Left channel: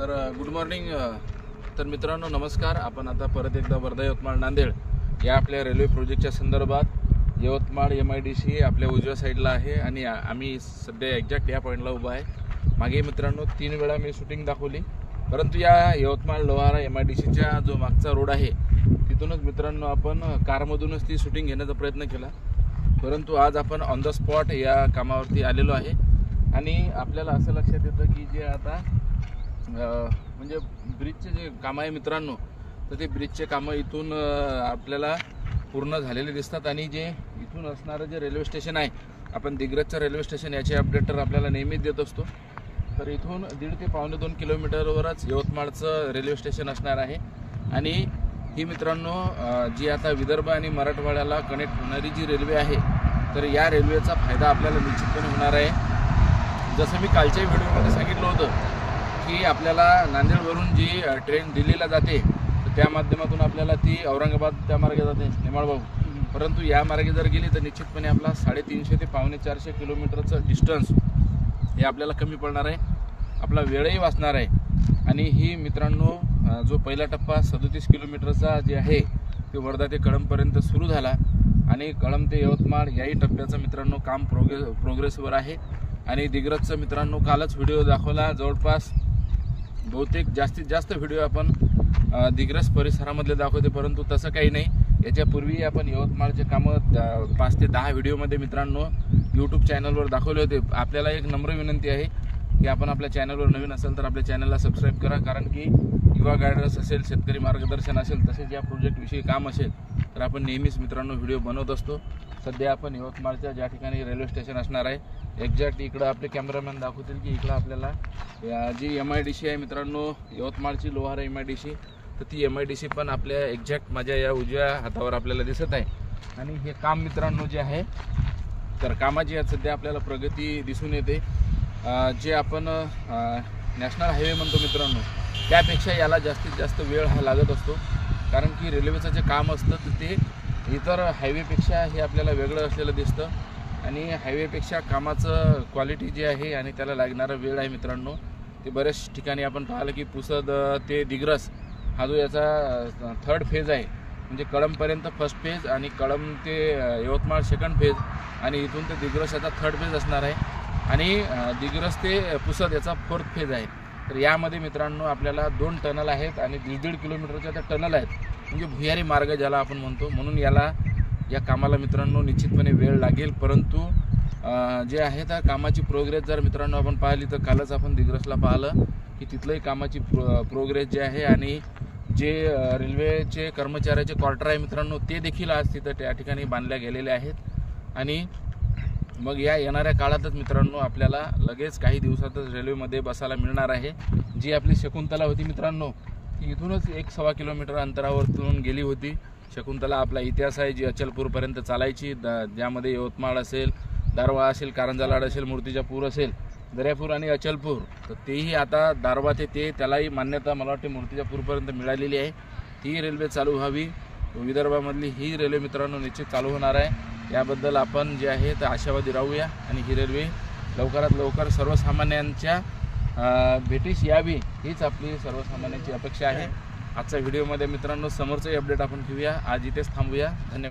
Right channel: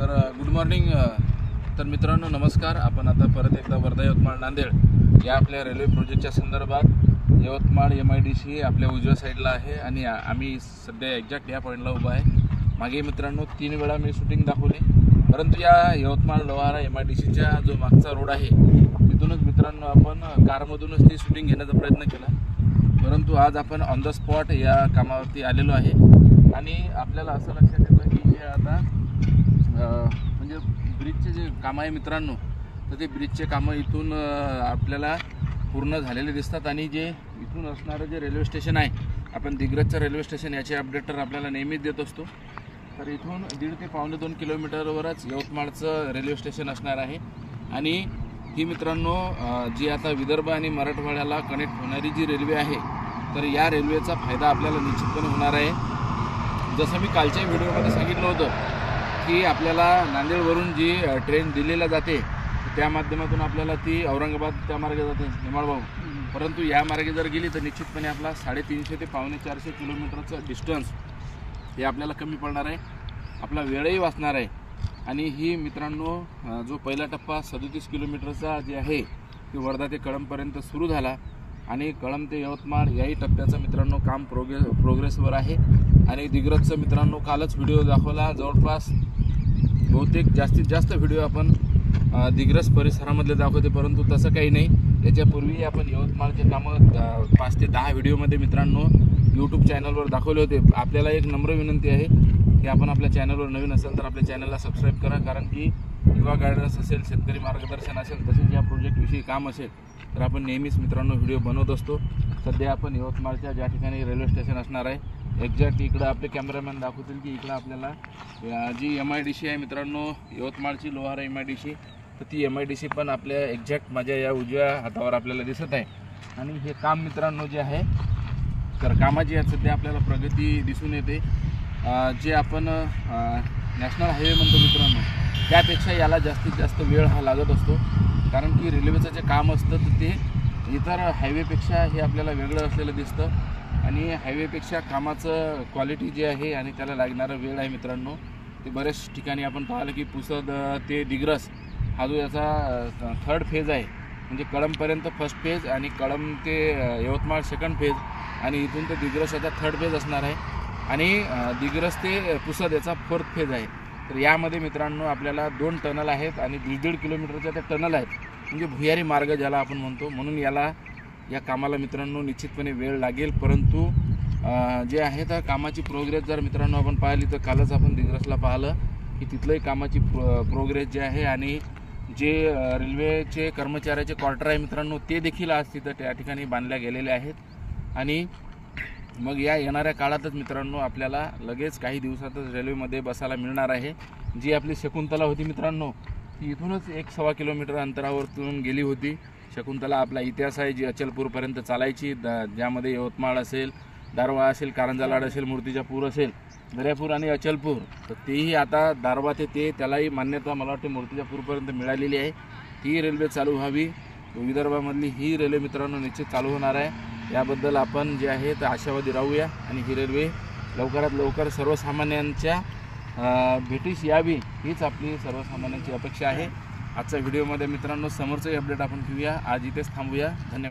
Good morning. तर मित्रांनो नमस्कार। आपण आता परत एकदा वर्धा यवतमाळ नांदेड या आपल्या रेल्वे प्रोजेक्टच्या संदर्भात यवतमाळ MIDC आपल्या उजव्या साईडला आहे आणि आम्ही सध्या एक्झॅक्ट या पॉईंटला उभा आहे। मागे मित्रांनो 3 वेळा मी शूटिंग दाखवली, परंतु या यवतमाळ लोहारा MIDCच्या जो मागचा रोड आहे तिथूनच मित्रांनो आपण कारमधूनच ती शूटिंग घेण्याचा प्रयत्न केला, परंतु आज आपण ऑन द स्पॉट या कामावरती आलेलो आहे आणि आपल्याला असं लक्षात येतं की जे आता म्हणजे ब्रिजचे जे काम आहे मित्रांनो, तर ते ब्रिजचे कामं इथून आपल्याला पूर्ण झालेले दिसतात आणि जे इथून असणारं जे रेल्वे स्टेशन आहे, आपण दिग्रजचं रेल्वे स्टेशन याचे अपडेट तर आपल्याला नेहमीच देत असतो। तर इथून 1.5 ते 2.25 किलोमीटरवरच यवतमाळचं रेल्वे स्टेशन असणार आहे आणि ही मित्रांनो जी आता विदर्भ आणि मराठवाड्याला कनेक्ट होणारी जी रेल्वे आहे, तर या रेल्वेचा फायदा आपल्याला निश्चितपणे होणार आहे। जसं मी कालच्या व्हिडिओमध्ये सांगितलं होतं की आपल्याला नांदेडवरून जी ट्रेन दिल्लीला जाते त्या माध्यमातून आपल्याला ती औरंगाबाद त्या मार्गे जाते हेमाळभाऊ, परंतु या मार्गे जर गेली तर निश्चितपणे आपला 350 ते 450 किलोमीटरचं डिस्टन्स हे आपल्याला कमी पडणार आहे, आपला वेळही वाचणार आहे। आणि ही मित्रांनो जो पहिला टप्पा 37 किलोमीटरचा जे आहे ते वर्धा ते कळंबपर्यंत सुरू झाला आणि कळंब ते यवतमाळ याही टप्प्याचं मित्रांनो काम प्रोग्रेसवर आहे। आणि दिग्रजचं मित्रांनो कालच व्हिडिओ दाखवला, जवळपास बहुतेक जास्तीत जास्त व्हिडिओ आपण दिग्रज परिसरामधले दाखवते, परंतु तसं काही नाही। याच्यापूर्वी आपण यवतमाळचे कामं 5 ते 10 व्हिडिओमध्ये मित्रांनो यूट्यूब चॅनलवर दाखवले होते। आपल्याला एक नम्र विनंती आहे की आपण आपल्या चॅनलवर नवीन असेल तर आपल्या चॅनलला सबस्क्राईब करा, कारण की युवा गायडन्स असेल, शेतकरी मार्गदर्शन असेल, तसेच या प्रोजेक्टविषयी काम असेल तर आपण नेहमीच मित्रांनो व्हिडिओ बनवत असतो। सध्या आपण यवतमाळच्या ज्या ठिकाणी रेल्वे स्टेशन असणार आहे, एक्झॅक्ट इकडं आपले कॅमेरामॅन दाखवतील की इकडं आपल्याला जी MIDC आहे मित्रांनो यवतमाळची लोहारा MIDC, तर ती MIDC पण आपल्या एक्झॅक्ट माझ्या या उजव्या हातावर आपल्याला दिसत आहे। आणि हे काम मित्रांनो जे आहे तर कामाची आज सध्या आपल्याला प्रगती दिसून येते। जे आपण नॅशनल हायवे म्हणतो मित्रांनो, त्यापेक्षा याला जास्तीत जास्त वेळ हा लागत असतो, कारण की रेल्वेचं जे काम असतं तर ते इतर हायवेपेक्षा हे आपल्याला वेगळं असलेलं दिसतं आणि हायवेपेक्षा कामाचं क्वालिटी जे आहे आणि त्याला लागणारा वेळ आहे मित्रांनो ते बऱ्याच ठिकाणी आपण पाहिलं की पुसद ते दिग्रस हा जो याचा 3rd फेज आहे, म्हणजे कळंबपर्यंत 1st फेज आणि कळंब ते यवतमाळ 2nd फेज आणि इथून ते दिग्रस याचा 3rd फेज असणार आहे आणि दिग्रस ते पुसद याचा 4th फेज आहे। तर यामध्ये मित्रांनो आपल्याला 2 टनल आहेत आणि 1.5 किलोमीटरच्या त्या टनल आहेत, म्हणजे भुयारी मार्ग ज्याला आपण म्हणतो, म्हणून या कामाला मित्रांनो निश्चितपणे वेळ लागेल। परंतु जे आहे तर कामाची प्रोग्रेस जर मित्रांनो आपण पाहिली तर कालच आपण दिग्रसला पाहिलं की तिथलंही कामाची प्रोग्रेस जे आहे आणि जे रेल्वेचे कर्मचाऱ्याचे क्वार्टर आहे मित्रांनो ते देखील आज तिथं त्या ठिकाणी बांधल्या गेलेले आहेत। आणि मग या येणाऱ्या काळातच मित्रांनो आपल्याला लगेच काही दिवसातच रेल्वेमध्ये बसायला मिळणार आहे। जी आपली शकुंतला होती मित्रांनो ती इथूनच 1-1.25 किलोमीटर अंतरावरतून गेली होती। शकुंतला आपला इतिहास आहे, जी अचलपूरपर्यंत चालायची, ज्यामध्ये यवतमाळ असेल, दारवा असेल, कारंजालाड असेल, मूर्तिजापूर असेल, दर्यापूर आणि अचलपूर, तर तेही आता दारवा ते त्यालाही मान्यता मला वाटते मूर्तिजापूरपर्यंत मिळालेली आहे। ती रेल्वे चालू व्हावी, विदर्भामधली ही रेल्वे मित्रांनो निश्चित चालू होणार आहे। याबद्दल आपण जे आहे तर आशावादी राहूया आणि ही रेल्वे लवकरात लवकर सर्वसामान्यांच्या भेटीस यावी हीच आपली सर्वसामान्यांची अपेक्षा आहे। आजच्या व्हिडिओमध्ये मित्रांनो समोरचंही अपडेट आपण घेऊया। आज इथेच थांबूया। धन्यवाद।